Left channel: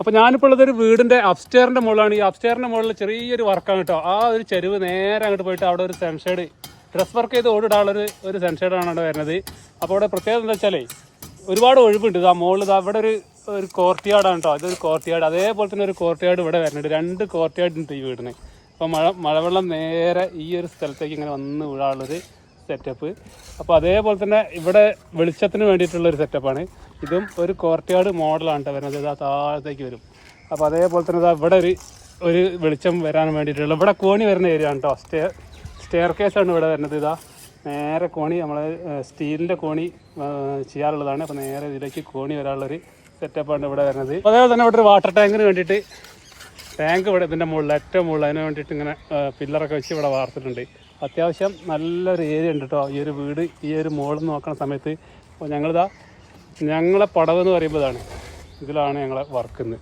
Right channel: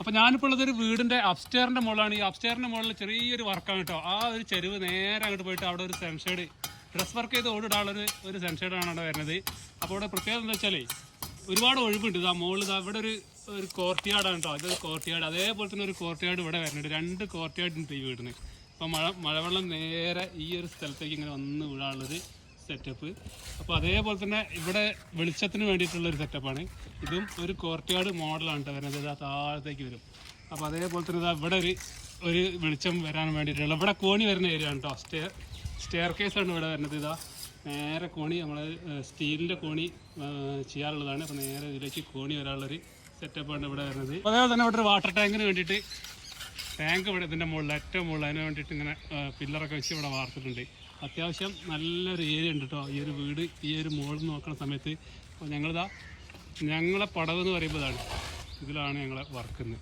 അപ്പോൾ ഞാനിപ്പോൾ ഉള്ളത് ഒരു വീടിൻ്റെ അപ്സ്റ്റെയറിൻ്റെ മുകളിലാണ്. ഈ അപ്സ്റ്റെയറിൻ്റെ മുകളിൽ ചെറിയൊരു വർക്കാണ് കേട്ടോ. ആ ഒരു ചെരുവ് നേരെ അങ്ങോട്ട് പോയിട്ട് അവിടെ ഒരു സൺഷെയ്ഡ് ഡ്രസ് വർക്ക് ചെയ്ത് ഓടിടാനുള്ളൊരു സൺഷെയ്ഡാണ് അവിടെ വരുന്നത്. അപ്പോൾ അവിടെ പ്രത്യേകത എന്താ വെച്ചാലേ ഒരുപാട് ഒഴിവുണ്ട്. ഇതാ മുകളിൽ അവിടെ ഒരു കോർട്ട്യാർഡാണ് കേട്ടോ. അതൊരു കോർട്ട്യാർഡ്, അതേപോലെ തന്നെ ഒരു കോർട്ട്യാർഡ് ഇവിടെ വരുന്നുണ്ട്. 2 കോർട്ട്യാർഡ് ഉണ്ട് ഈ വീടിന്. അപ്പോൾ മഴവെള്ളം നേരെ ഈ ഒരു സ്ഥലത്തേക്ക് ഇങ്ങനെ വന്ന് വീഴാനുള്ളൊരു സെറ്റപ്പ്. അപ്പോൾ അതേപോലെ തന്നെ ഇവിടെ വെളിച്ചത്തിന് വേണ്ടിയിട്ടുള്ളൊരു സെറ്റപ്പാണ്. ഇതും ഒരു കോർട്ട്യാർഡ് മോഡലാണ് കേട്ടോ വരുന്നത്. ഇതാ താഴത്തേക്ക് വരും. അപ്പോൾ അതേപോലെ തന്നെ ഇതാ ഇവിടെ ഒരു വെളിച്ചം വരാൻ വേണ്ടിയിട്ടുള്ള ഇവിടെ കോണി വരുന്ന ഏരിയ ആണ് കേട്ടോ. സ്റ്റെയർ കേസാണ് ഇവിടെ വരുന്നത്. ഇതാ നേരെ കോണി നമ്മൾ സ്റ്റീലിൻ്റെ കോണി ചെയ്യാറുള്ളതാണ്. അപ്പോൾ നേരെ ഇതിലേക്ക് കോണി വരാനുള്ളൊരു സെറ്റപ്പാണ് ഇവിടെ വരുന്നത്. അതേപോലെ തന്നെ ഇവിടെ ഒരു വാട്ടർ ടാങ്കിന് വേണ്ടിയിട്ട് ടാങ്ക് ഇവിടെ ഇതിൻ്റെ മുകളിൽ ഏറ്റവും മുകളിൽ അതിന് വേണ്ടിയിട്ട് ഇങ്ങനെ പില്ലറൊക്കെ വെച്ച് ഇവിടെ വാർത്തിട്ടുണ്ട്. അത്യാവശ്യം നല്ലൊരു ഏരിയ ഉണ്ട് കേട്ടോ ഈ ഒരു വീട്. ഈ ഒരു മുകളിൽ നോക്കുന്ന സമയത്ത് അപ്പോൾ ഞങ്ങളെ പടവ് എന്ന് പറയുമ്പോഴാണ് ഇതിലാണ് ഞങ്ങളെ വർക്കുന്നത്.